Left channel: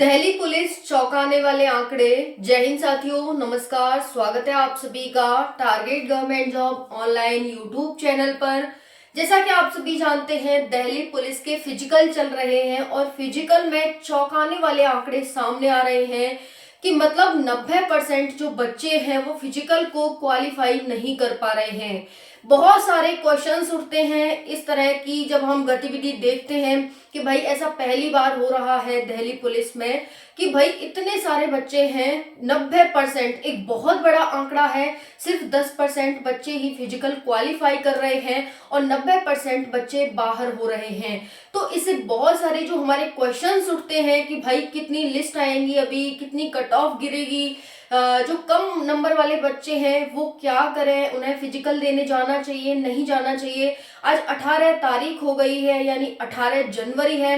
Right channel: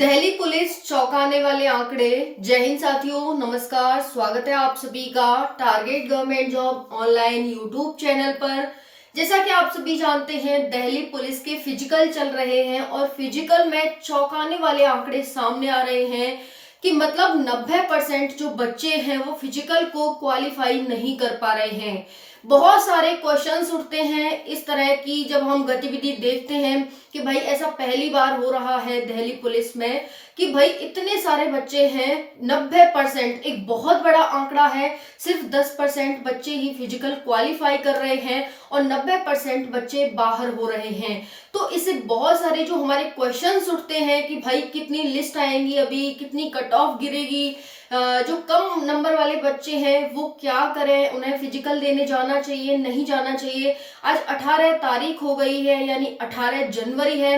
Delhi police चौंकाने वाले आंकड़े। जय हिंद साथियों, नमस्कार। स्वागत है आप सभी का target government job online YouTube channel पर। जैसा कि आप सभी जानते हैं, दिल्ली पुलिस के फिजिकल चल रहे हैं और फिजिकल में चौंकाने वाले आंकड़े सामने आ रहे हैं कि मतलब 90% जो बच्चे हैं वो फिजिकल को क्वालिफाई नहीं कर पा रहे हैं। बहुत सारे क्वेश्चंस उठते हैं इस तरह की जब हम गतिविधि देखते हैं कि भाई ऐसा पहली बार हो रहा है दिल्ली पुलिस में कि भाई इतने सारे बच्चे हैं। 90% एक बहुत बड़ा आंकड़ा है। सिर्फ 10% बच्चे ही फिजिकल क्वालिफाई कर रहे हैं और 90% बच्चे बाहर हो रहे हैं। तो इससे बहुत सारे जो हमारे क्वेश्चंस उठते हैं कि भाई कितनी लिस्ट आएंगी, अभी कितनी कट ऑफ गिरेगी, जो कम नंबर वाले बच्चे हैं वो क्या करें, उन्हें फिजिकल देने जाना चाहिए नहीं जाना चाहिए। आज 18 तारीख हो गई है, यानी 18 जनवरी है।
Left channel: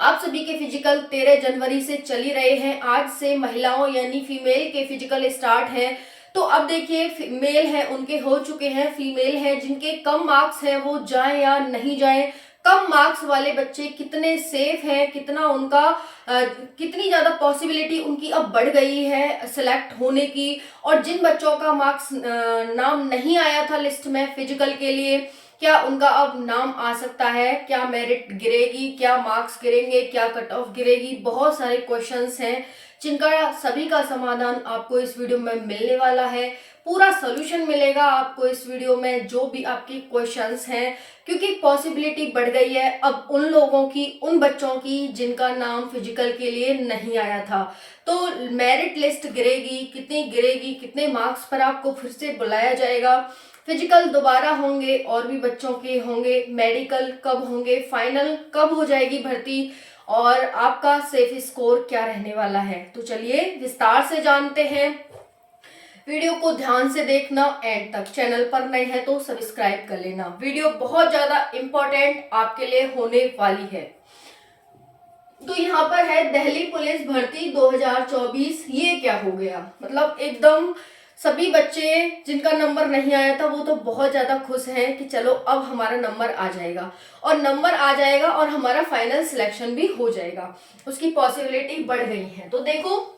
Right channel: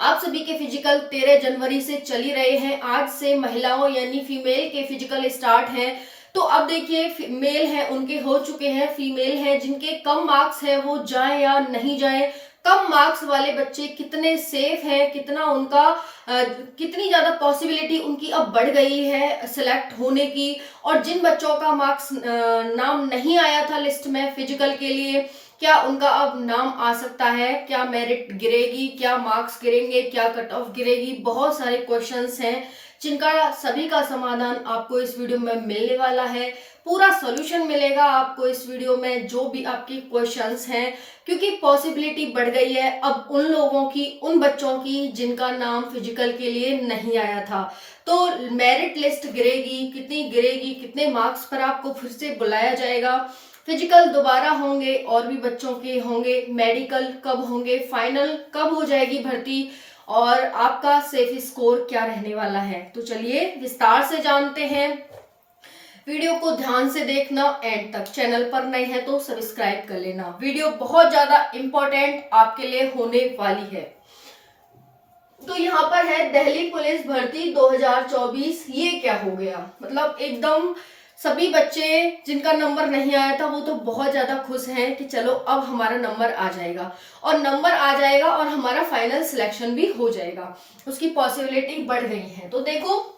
आप सभी के फिजिकल 13 जनवरी से चल ही रहे हैं। आज से महिलाओं यानी फीमेल के फिजिकल स्टार्ट हैं। तो अब देखिए, मेल है उनके हो चुके हैं, फीमेल है जिनके कम मार्क्स हैं वो जाएं या नहीं जाएं। कम मार्क्स वाले बच्चे कितने सेफ हैं, कितना उनका कितनी ज्यादा पॉसिबिलिटी उनकी अब बढ़ गई है सिलेक्ट होने की। और जिन बच्चों का मार्क्स नाम नहीं आया था लिस्ट में फिजिकल के लिए, क्या उनका अब नाम आ सकता है, क्या मेरिट गिरेगी, क्या मार्क्स गिरेंगे, क्या कट ऑफ गिरेगी। बहुत सारे क्वेश्चंस हैं जिनका सभी का समाधान आपको इस वीडियो में मिलने वाला है। पूरा सॉल्यूशन मिलेगा आपको इस वीडियो में, जो भी आपके क्वेश्चंस हैं, क्योंकि पॉसिबिलिटी बढ़ गई है अब उन लोगों की, उन बच्चों की जिनका नाम फिजिकल के लिए नहीं आया था। तो मेरिट लिस्ट गिरेगी, कितनी गिरेगी, कितने मार्क्स पर आपको फिर से बुलाया जाएगा, फिजिकल दोबारा होंगे और भी बच्चों के होंगे, मेडिकल कब होंगे, फाइनल कब हो जाएगी भर्ती और आपका सेफ स्कोर क्या रहने वाला है। तो चलिए विस्तार से जानते हैं। वीडियो को ध्यान से देखना एंड तक। चैनल पर नए हैं तो सब्सक्राइब कर लेना। वीडियो बहुत ज्यादा इंपॉर्टेंट आपके लिए होने वाली है। तो यहाँ पर है दिल्ली पुलिस भर्ती 2024। ये क्या हो गया, मतलब एकदम सभी बच्चे जिनका नंबर नहीं आया था वो तो बहुत ज्यादा खुश हैं कि चलो अब हमारा नंबर आ जाएगा, और नंबर आ जाएगा और हमारा फाइनल सिलेक्शन भी हो जाएगा, उसकी पॉसिबिलिटी बढ़ गई है। तो देखो,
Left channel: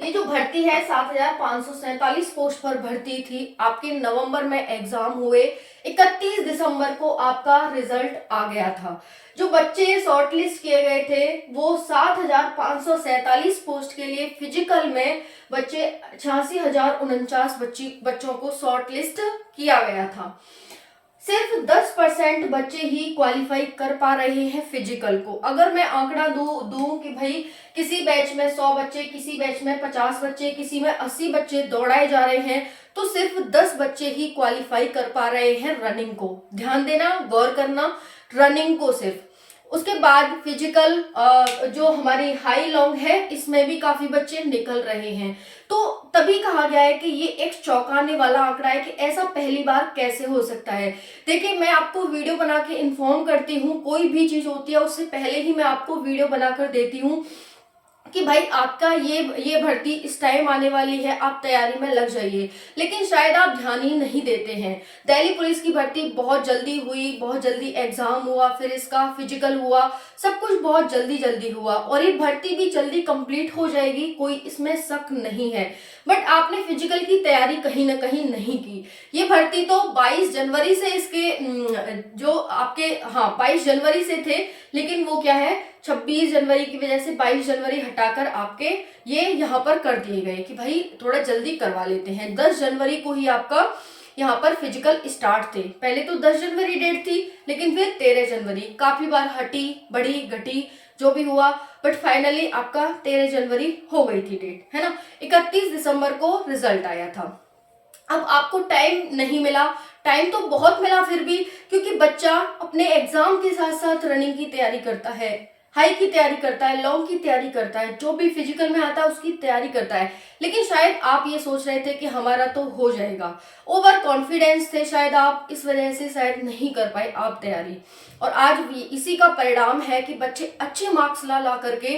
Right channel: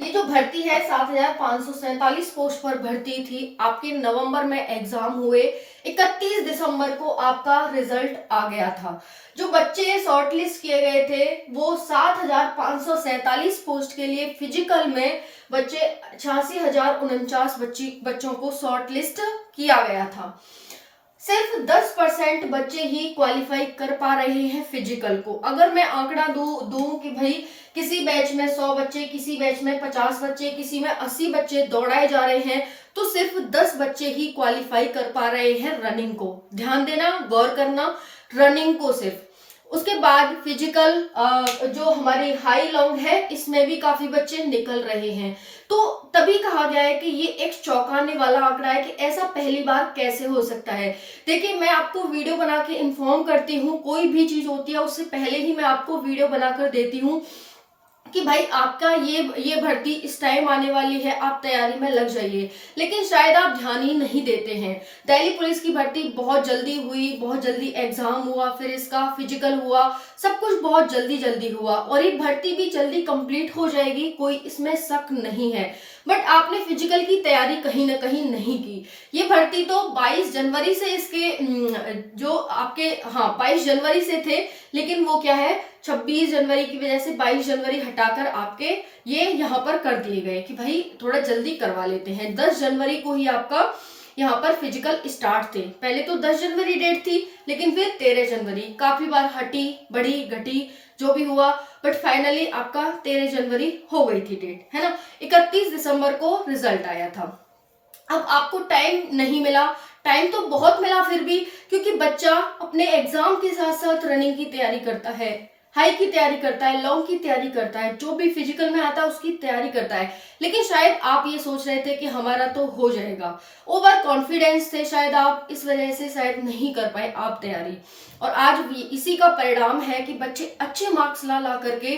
ये जो भर्ती है 7,547 पोस्ट पर भर्ती थी। आपके नवंबर में एग्जाम हुए, 31 दिसंबर को आपका रिजल्ट आ गया था। जो बच्चे शॉर्टलिस्ट किए गए थे वो 7,547 पोस्ट के लिए फिजिकल में बच्चे 86,049 बच्चों को शॉर्टलिस्ट किया गया था। सिर्फ 10% बच्चे ही क्वालिफाई कर पा रहे हैं फिजिकल को। अगर मैं आंकड़ा दूं कि भाई किसी बैच में 100 बच्चे, किसी बैच में 50 बच्चे, किसी में 80 बच्चे दौड़ाए जा रहे हैं, तो सिर्फ 10 बच्चे ही क्वालिफाई कर पा रहे हैं रनिंग को। ध्यान देना, गौर करना, रनिंग को सिर्फ। उसके बाद फिजिकल जो हमारी हाई लॉन्ग है इसमें भी काफी बच्चे निकल रहे हैं। तो तभी कहा गया है कि ये एक चौंकाने वाला आंकड़ा है कि ऐसा पहली बार कैसे हो सकता है। देखिए, मैं आपको वीडियो बना के इन्फॉर्म करती हूँ, कोई भी चीज होती है उससे पहले ही मैं आपको वीडियो बनाकर देती हूँ कि भाई आपका ये भर्ती इस टाइम आने वाली है, आप तैयारी में लग जाइए। लेकिन शायद आप ध्यान ही नहीं देते हैं। दिल्ली पुलिस की भर्ती बहुत जल्दी हुई, बहुत जल्दी एग्जाम हुआ, फिर इसका फिजिकल हुआ, सब कुछ बहुत जल्दी जल्दी हुआ और ये भर्ती भी जल्दी कंप्लीट हो जाएगी, कोई इसमें शक नहीं है। बट आपने फिजिकल की तैयारी कहीं ना कहीं नहीं की। ये भर्ती तो 22 जनवरी से इसके जो आपके 22 जनवरी से थे, लेकिन वो क्या है 26 जनवरी की वजह से 22 जनवरी हटाकर आपके ये यहाँ पर कर दिए गए कि भाई थोड़ा जल्दी करवा लेते हैं। 10 जनवरी को ही आपका यहाँ पर फिजिकल स्टार्ट थे। पहले तो 10 जनवरी डेट थी, लेकिन फिर 13 जनवरी काफी बार हटी, बढ़ी, घटी, जो भी हुआ, बट फाइनली आपका 13 जनवरी हो गई थी डेट, है ना। 31 दिसंबर को रिजल्ट आया था। अब आपको टाइम नहीं मिला, टाइम तो बहुत मिला फिर भी, क्योंकि बच्चा अपने एग्जाम के साथ साथ रनिंग की तैयारी करता है, हाई की तैयारी करता है, लॉन्ग की तैयारी करता है, जो भी फिजिकल में आता है उसकी तैयारी करता है। लेकिन शायद आप ये सोच रहे थे कि हमारा तो हो जाएगा, ओवर कॉन्फिडेंस थे शायद आप, इस वजह से शायद नहीं कर पाए आप तैयारी। और आज भी इसी का परिणाम है कि बच्चे अच्छे मार्क्स ला करके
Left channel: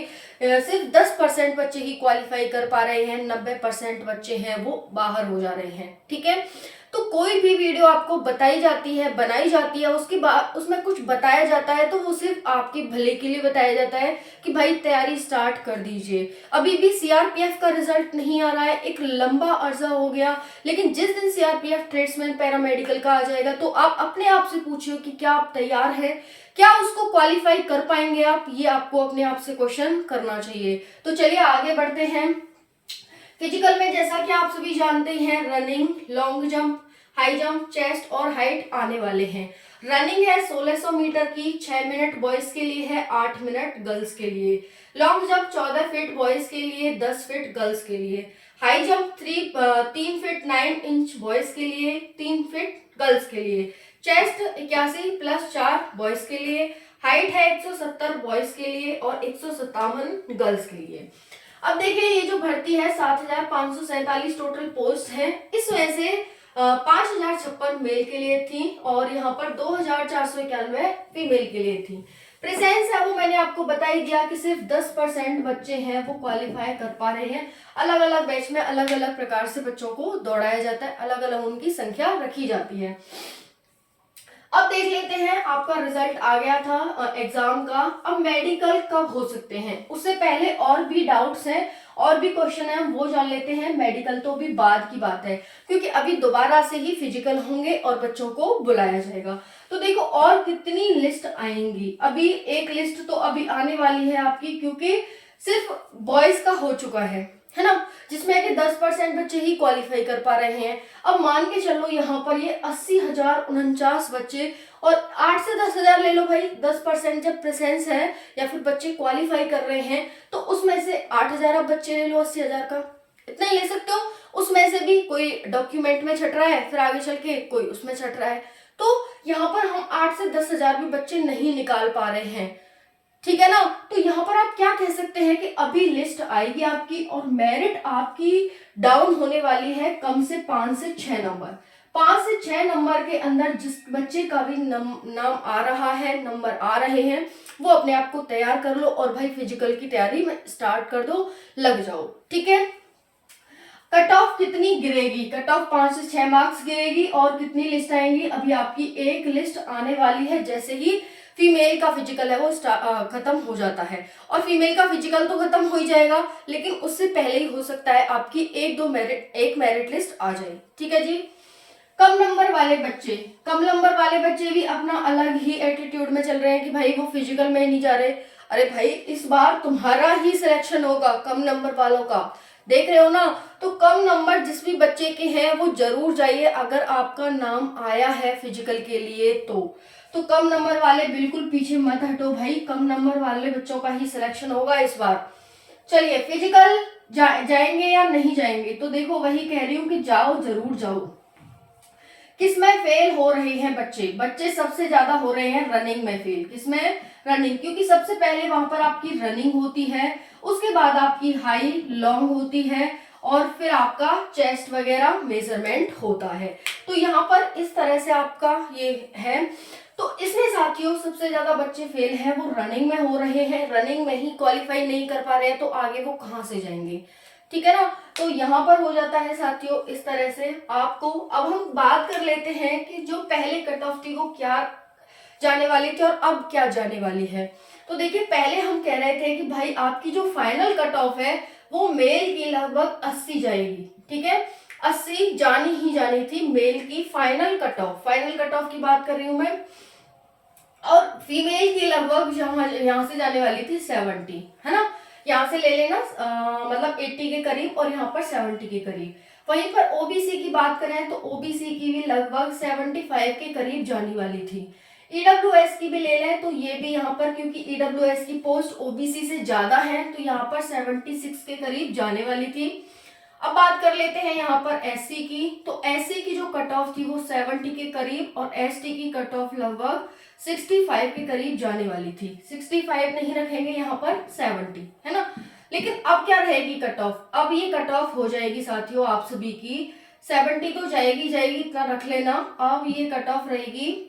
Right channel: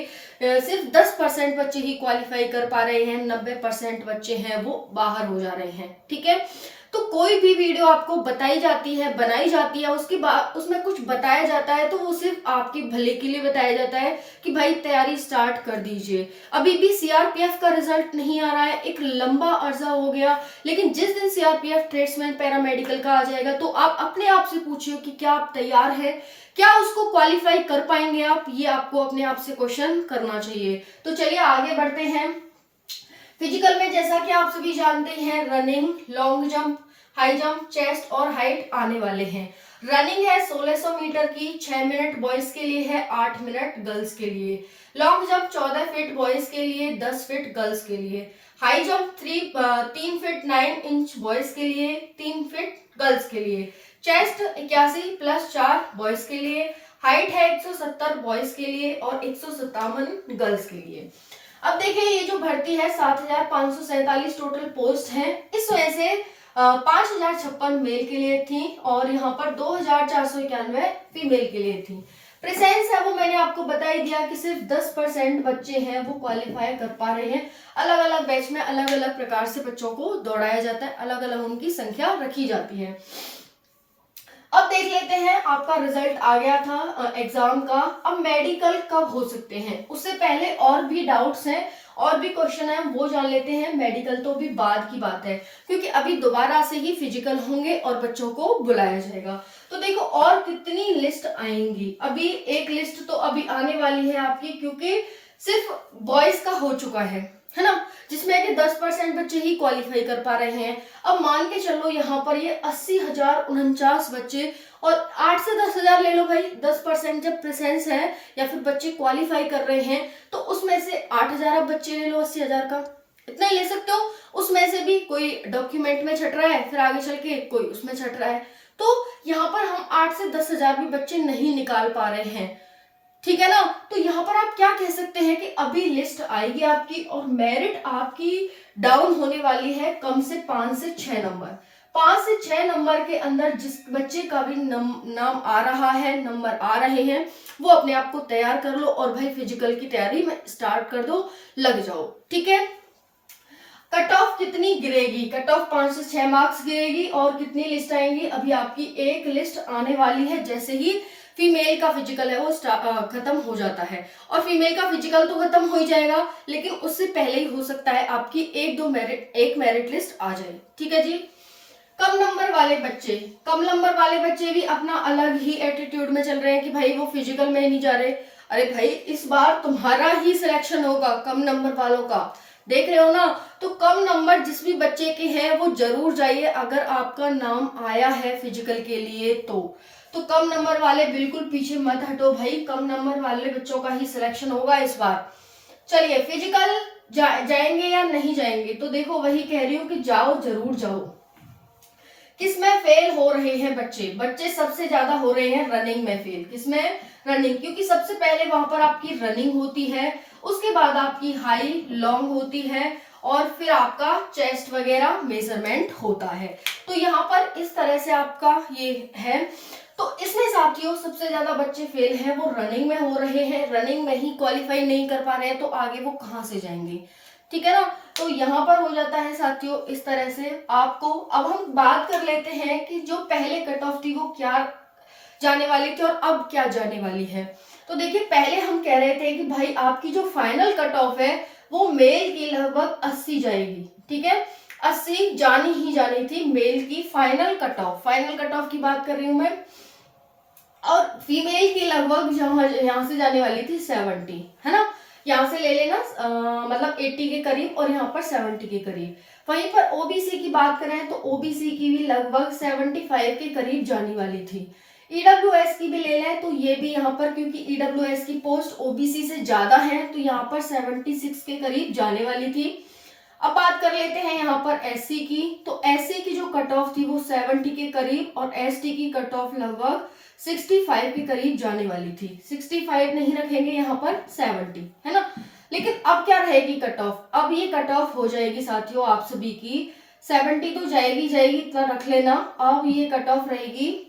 सिर्फ 10% बच्चे ही क्वालिफाई कर पा रहे हैं, 90% बच्चे हैं वो बाहर हो जा रहे हैं। ठीक है, तो कोई भी वीडियो आपको बताई जाती है, बनाई जाती है, उसके बाद उसमें कुछ बताया जाता है तो वो सिर्फ आपके भले के लिए बताया जाता है कि भाई तैयारी स्टार्ट कर दीजिए। अभी भी सीआरपीएफ का रिजल्ट नहीं आ रहा है, एक लंबा अर्जा हो गया, लेकिन जिस दिन सीआरपीएफ ट्रेड्समैन पैरामेडिकल का आ जाएगा तो आप अपने आप से पूछिए कि क्या आप तैयार है, क्या उसको क्वालिफाई कर पाएंगे आप, ये आपको अपने आप से क्वेश्चन करना चाहिए। तो चलिए आगे बढ़ते हैं। फिजिकल में जैसा कि आप सभी जानते हैं running, long jump, high jump, chest और हाइट आने वाले हैं। रनिंग है 1600 मीटर की, 6 मिनट बॉयज के लिए है, 8 मिनट गर्ल्स के लिए। लॉन्ग जंप 14 फीट बॉयज के लिए, 10 फीट गर्ल्स के लिए। High jump 3 feet 9 inch boys के लिए, 3 फीट गर्ल्स के लिए। चेस्ट 81 प्लस 4 बॉयज के लिए। हाइट है 170 बॉयज के लिए और 157 गर्ल्स के लिए। अब देखें ये जो भर्ती है 7547 टोटल पोस्ट हैं, इसमें से 5056 मेल के लिए थी और यहाँ पर 2491 फीमेल के लिए थी। प्रेजेंस है वो मैंने आपको बता ही दिया कि सिर्फ 10% बच्चे हैं वो क्वालिफाई कर पा रहे हैं। अलग अलग बैच में अलग अलग प्रकार से बच्चों को दौड़ाया जाता है, अलग अलग उनकी संख्या रखी जाती है। अब देख लेते हैं, आपका रिजल्ट आ गया था एग्जाम का। अब मेडिकल कब हो सकते हैं, उससे पहले और भी डाउट्स हैं, और भी क्वेश्चन है, वो जान लेते हैं। मेडिकल तो भी बाद की बात है, क्योंकि अभी दोबारा से ही फिजिकल होंगे और बच्चों को बुलाया जाएगा। तो देखो और कितनी लिस्ट आएंगी, अभी एक लिस्ट तो अभी आने वाली है आपकी, क्योंकि सिर्फ बॉयज का हो चुका है ना, जिसमें कि 10% बच्चे ही क्वालिफाई कर पा रहे हैं। अब मान के चलो यहाँ पर ये 80,049 बच्चे और 8 से 10,000 ले लो भाई, 10% जब प्रेजेंस है या फिर बच्चे क्वालिफाई कर रहे हैं तो उसमें से 8,000 अब बच्चे ले लो, 80,000 का इतना ही ले सकते हो। उसमें से भी कोई डॉक्यूमेंट में छट रहा है, फिर आगे चल के कोई उसमें छट रहा है, तो यहाँ पर हम 8 से 10,000 भी बच्चे नहीं निकाल पा रहे हैं, ठीक है ना। तो यहाँ पर आप क्या कह सकते हैं कि अभी लिस्ट आएगी आपकी और मेरिट आपकी डाउन होने वाली है कम से 5 से 6 नंबर। 5 से 6 नंबर के अंदर जिस बच्चे का भी नाम आ रहा है, नंबर आ रहे हैं, वो अपने आप को तैयार कर लो और भाई फिजिकल की तैयारी में स्टार्ट कर दो, लग जाओ, ठीक है। कट ऑफ कितनी गिरेगी, कट ऑफ 5 से 6 मार्क्स गिरेगी और कितनी लिस्ट आएंगी, अभी आपकी एक लिस्ट आने वाली है। जैसे ही फीमेल का फिजिकल है वो खत्म हो जाता है, और फीमेल का फिजिकल तो खत्म हो ही जाएगा, लेकिन उससे पहले ही हो सकता है आपकी एक मेरिट लिस्ट आ जाए, ठीक है जी। कम नंबर वाले बच्चे, कम नंबर वाले बच्चे भी अपना अलग ही एटीट्यूड में चल रहे हैं कि भाई वो फिजिकल में नहीं जा रहे। अरे भाई इस बार तुम्हारा ही सिलेक्शन होगा कम नंबर वालों का, देख रहे हो ना। तो कम नंबर जिस भी बच्चे के हैं वो जरूर जाइए, अगर आपका नाम आया है फिजिकल के लिए तो कम नंबर वाले बिल्कुल पीछे मत हटो भाई, कम नंबर वाले बच्चों का ही सिलेक्शन होगा इस बार। चलिए फिजिकल जाएंगे या नहीं जाएंगे, तो देखो वही कह रही हूँ कि जाओ, जरूर जाओ। किसमें फेल हो रहे हैं बच्चे, बच्चे सबसे ज्यादा हो रहे हैं रनिंग में फेल। किसमें, रनिंग, क्योंकि सबसे पहले वहां पर आपकी रनिंग होती है, उसके बाद आपकी हाई लॉन्ग होती है और फिर आपका चेस्ट वगैरह मेजरमेंट होता है। तो यहाँ पर इस तरह से आपका ये है। तो इसमें साथियों सबसे ज्यादा बच्चे फेल हैं वो रनिंग में हो रहे हैं, रनिंग में ही क्वालिफाई नहीं कर पा रहे हैं, तो आगे वो कहाँ से जाएंगे, ठीक है ना। तो यहाँ पर हो जाता है साथियों इस तरह से आपको। अब हम बात कर लेते हैं कि जो पहले कट ऑफ थी वो क्या जाने वाली थी और अब क्या जाने वाली है। तो देखिए पहले हम कह रहे थे कि भाई आपकी जो फाइनल कट ऑफ है वो मेल की लगभग 80 जाएगी, ठीक है, 80 जानी ही जानी थी मेल की final cut off. Final cut off की बात कर रही हूं मैं, और फीमेल की लगभग यहाँ से जाने वाली थी 70, है ना। यहाँ से ले लेना मतलब 80 के करीब और यहाँ पर 70 के करीब। वहीं पर ओबीसी की बात करें तो ओबीसी की भी लगभग 75 के करीब जाने वाली थी। ईडब्ल्यूएस की भी ले लें तो ये भी यहाँ पर, क्योंकि ईडब्ल्यूएस की पोस्ट ओबीसी से ज्यादा है, तो यहाँ पर 76 के करीब जाने वाली थी। अब बात कर लेते हैं यहाँ पर एससी की, तो एससी की जो कट ऑफ थी वो 70 के करीब और एसटी की कट ऑफ लगभग 65 के करीब जाने वाली थी। 65 नहीं रखेंगे यहाँ पर 70, है ना। लेकिन अब क्या रहेगी कट ऑफ, अब ये कट ऑफ हो जाएगी साथियों आप सभी की 70 तो जाएगी जाएगी, इतना रख लेना। अब ये कट ऑफ रहेगी,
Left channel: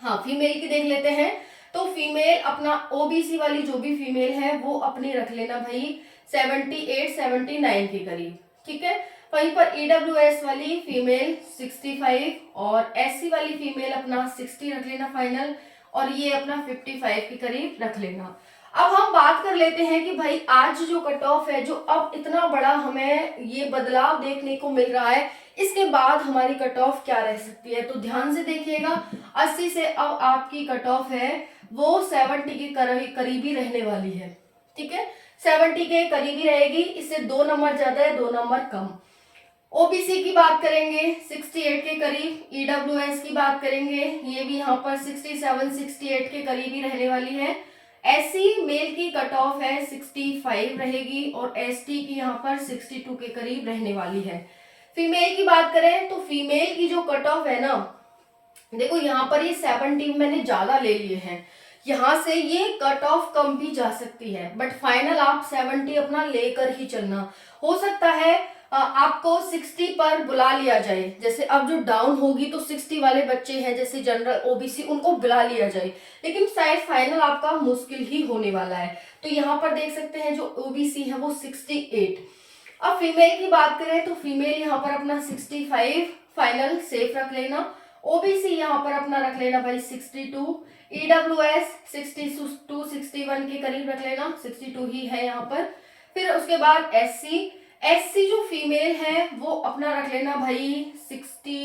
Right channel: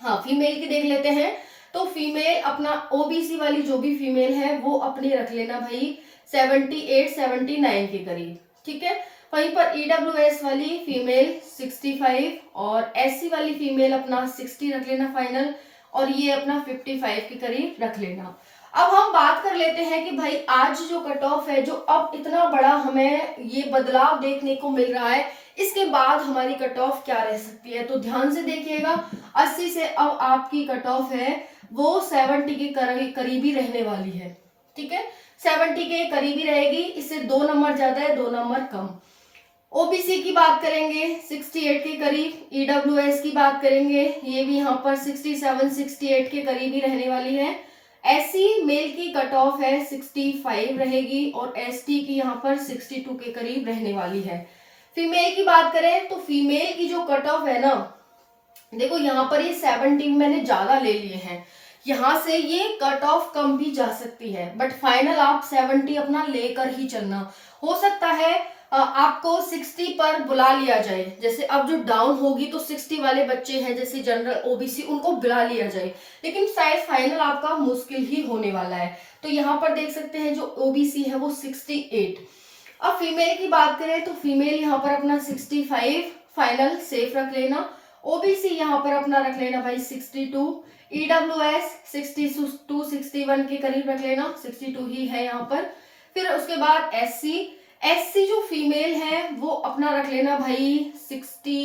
हाँ फीमेल की देख लेते हैं, तो फीमेल अपना ओबीसी वाली जो भी फीमेल है वो अपनी रख लेना भाई 78 79 के करीब, ठीक है। वहीं पर ईडब्ल्यूएस वाली फीमेल 65 और एससी वाली फीमेल अपना 60 रख लेना फाइनल, और ये अपना 55 के करीब रख लेना। अब हम बात कर लेते हैं कि भाई आज जो कट ऑफ है, जो अब इतना बड़ा हमें ये बदलाव देखने को मिल रहा है, इसके बाद हमारी कट ऑफ क्या रह सकती है। तो ध्यान से देखिएगा, 80 से अब आपकी कट ऑफ है वो 70 के करीबी रहने वाली है। ठीक है, 70 के करीबी रहेगी, इससे 2 नंबर ज्यादा है, 2 नंबर कम। ओबीसी की बात करेंगे 68 के करीब, ईडब्ल्यूएस की बात करेंगे ये भी यहाँ पर 67 68 के करीब ही रहने वाली है। एससी मेल की कट ऑफ है 65 रहेगी और एसटी की यहाँ पर 62 के करीब रहने वाली है। फीमेल की बात करें तो फीमेल की जो कट ऑफ है ना, देखो यहाँ पर ये 17 मैंने ज्यादा ले लिए हैं, यहाँ से ये कट ऑफ कम भी जा सकती है, बट फाइनल आप 70 अपना लेकर ही चलना। हो सकता है आपको 60 पर बुला लिया जाए, जैसे अब जो डाउन होगी तो 60 वाले बच्चे हैं जैसे जनरल ओबीसी, उनको बुला लिया जाए, लेकिन शायद फाइनल आपका मुश्किल ही होने वाला है। तो यहाँ पर देख सकते हैं जो ओबीसी है वो 68। अब फीमेल की बात करें तो फीमेल यहाँ पर अपना 65 फाइनल सेफ रख लेना, ओबीसी यहाँ पर अपना रख लेना भाई 62, ईडब्ल्यूएस 62 61 के करीब रख लेना, 62 ही है यहाँ पर। फिर उसके बाद एससी जो फीमेल है वो अपना रख लेना भाई 60,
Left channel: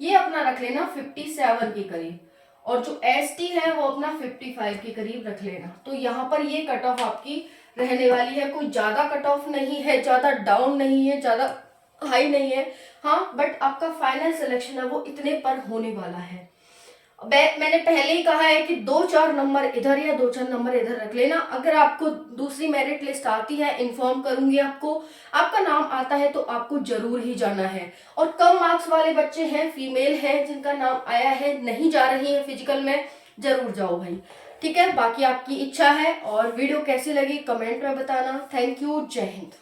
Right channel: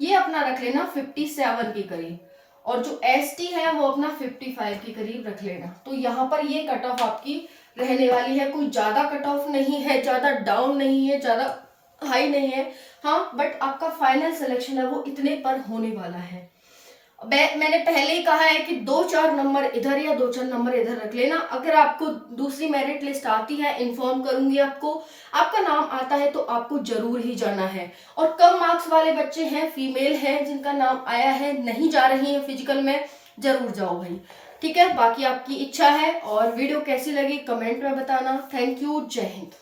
ये अपना रख लेना 57 के करीब, और जो एसटी है वो अपना 55 के करीब रख लेना। तो यहाँ पर ये कट ऑफ आपकी रहने वाली है, कोई ज्यादा कट ऑफ नहीं है, ज्यादा डाउन नहीं है, ज्यादा हाई नहीं है, हाँ, बट आपका फाइनल सिलेक्शन है वो इतने पर होने वाला है। मैंने पहले ही कहा है कि 2-4 नंबर इधर या 2-4 नंबर इधर रख लेना। अगर आपको दूसरी मेरिट लिस्ट आती है, इन्फॉर्म करूंगी आपको, आपका नाम आता है तो आपको जरूर ही जाना है। और कम मार्क्स वाले बच्चे हैं, फीमेल हैं जिनका नाम आया है, नहीं जा रही है फिजिकल में, जरूर जाओ भाई। ठीक है, बाकी आपकी इच्छा है। और वीडियो कैसी लगी कमेंट में बताना। थैंक यू, जय हिंद।